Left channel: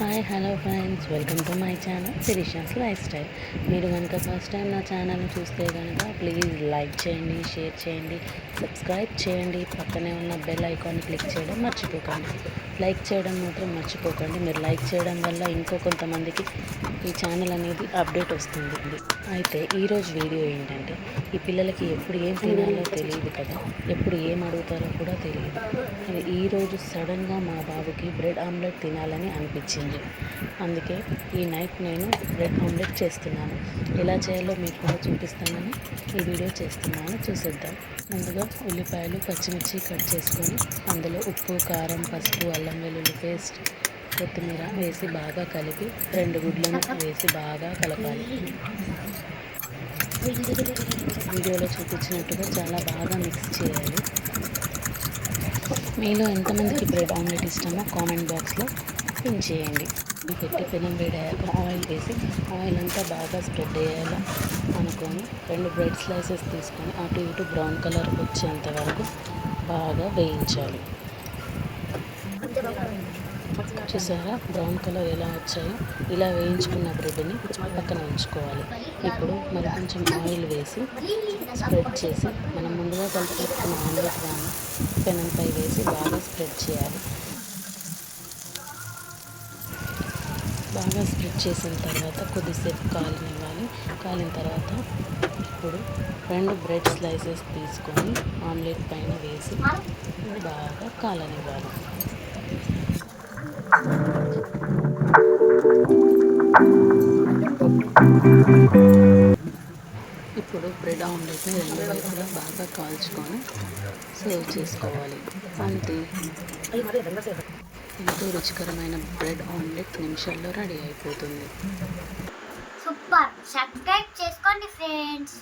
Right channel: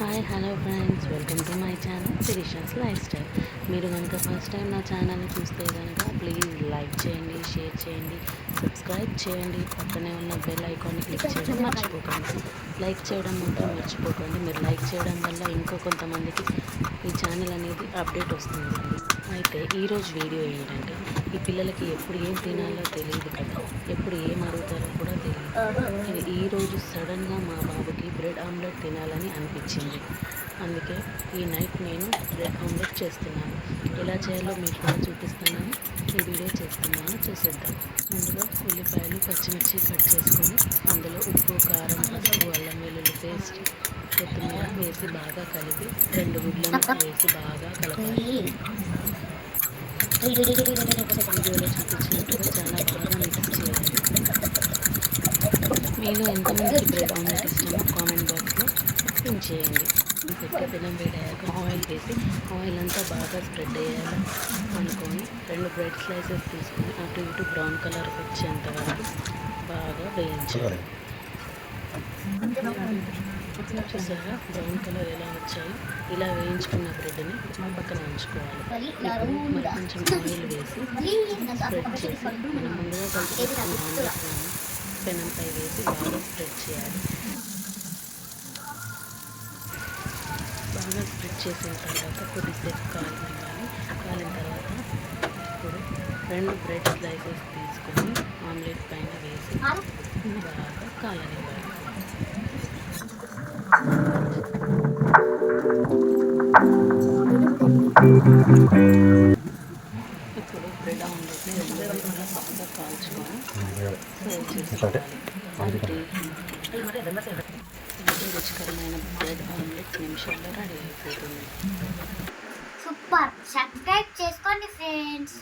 Hi hello friends, welcome to my channel Sirisha's life style. మీరు కనుక first time నా ఛానల్ని చూస్తే కనుక ప్లీజ్ లైక్ చేయండి, షేర్ చేయండి, సబ్స్క్రైబ్ చేయండి. పక్కనే ఉన్న బెల్ ఐకాన్ని క్లిక్ చేయడం మర్చిపోకండి. లైక్ చేయడం మాత్రం మర్చిపోకండి. మీరు లైక్ చేయడం వల్ల ఇంకో కొంతమందికి ఈ ఛానల్ అనేది అప్డేట్ వస్తుంది. అయితే ఈరోజు వీడియో ఏంటంటే, ఈ పిల్లలకి ఎప్పుడు ఏం తినాలో తెలియదు కదా, ఎప్పుడు ఏం అడుగుతారో కూడా తెలియదు. కానీ ఈరోజు సడన్గా మా బాబుకి బ్రెడ్ ఆమ్లెట్ తినాలని అనిపించింది. అందుకే ఈ నైట్ నేను బ్రెడ్ ఆమ్లెట్ చేస్తున్నాను. ఎలా చేయాలో మీకు కూడా చూపిస్తానని ఈ వీడియో చేస్తున్నాను. చూసేద్దాం. ముందుగా ఉల్లిపాయలు, పచ్చిమిర్చి కట్ చేసుకొని అందులో ఉప్పు, కారం, పసుపు, అల్లం వెల్లుల్లి పేస్ట్, కొత్తిమీర వేసి బాగా కలిపి 2 గుడ్లను వేసి బాగా కలపాలి. వీడియోలో చూపించినట్టుగా చాలా బాగా మిక్స్ చేయాలి. మీలో ఎంతమందికి బ్రెడ్ ఆమ్లెట్ ఇష్టమో కామెంట్ బాక్స్లో పిన్ చేయండి. పెట్టి పెనం వేడయ్యాక ఆయిల్ వేసి ఆయిల్ అంతా బాగా స్ప్రెడ్ అయ్యేలా అనుకొని 2 బ్రెడ్ స్లైసెస్ తీసుకొని అటు ఇటు బ్రౌన్ కలర్ వచ్చేంత వరకు బాగా వేయించాలి. చూసారా బ్రౌన్ కలర్ ఎలా వచ్చాయో? ఇలా వేయించుకున్న బ్రెడ్ని పక్కన ఉంచుకోవాలి. ఇప్పుడు మరి కొంచెం ఆయిల్ వేసి స్ప్రెడ్ చేసి మనం ముందుగా కలిపి పెట్టుకున్న ఆమ్లెట్ కానీ పెనంపై వేసి బాగా స్ప్రెడ్ చేయాలి. బాగా స్ప్రెడ్ చేసిన తర్వాత కొద్దిసేపు కాలనివ్వాలి. కాలిన తర్వాత ఇప్పుడు 2 బ్రెడ్ స్లైసెస్ తీసుకొని ఆమ్లెట్ పైన వేసి బాగా కాలనివ్వాలి. ఇప్పుడు బ్రెడ్ ఆమ్లెట్ని 2 వైపులా బాగా కాల్చుకొని సర్వ్ చేసుకోవాలి. అంతే, ఎంతో రుచికరమైన బ్రెడ్ ఆమ్లెట్ నిమిషాల్లో రెడీ అయిపోతుంది. సూపర్. సబ్స్క్రైబ్ చేసుకోండి ఫ్రెండ్స్.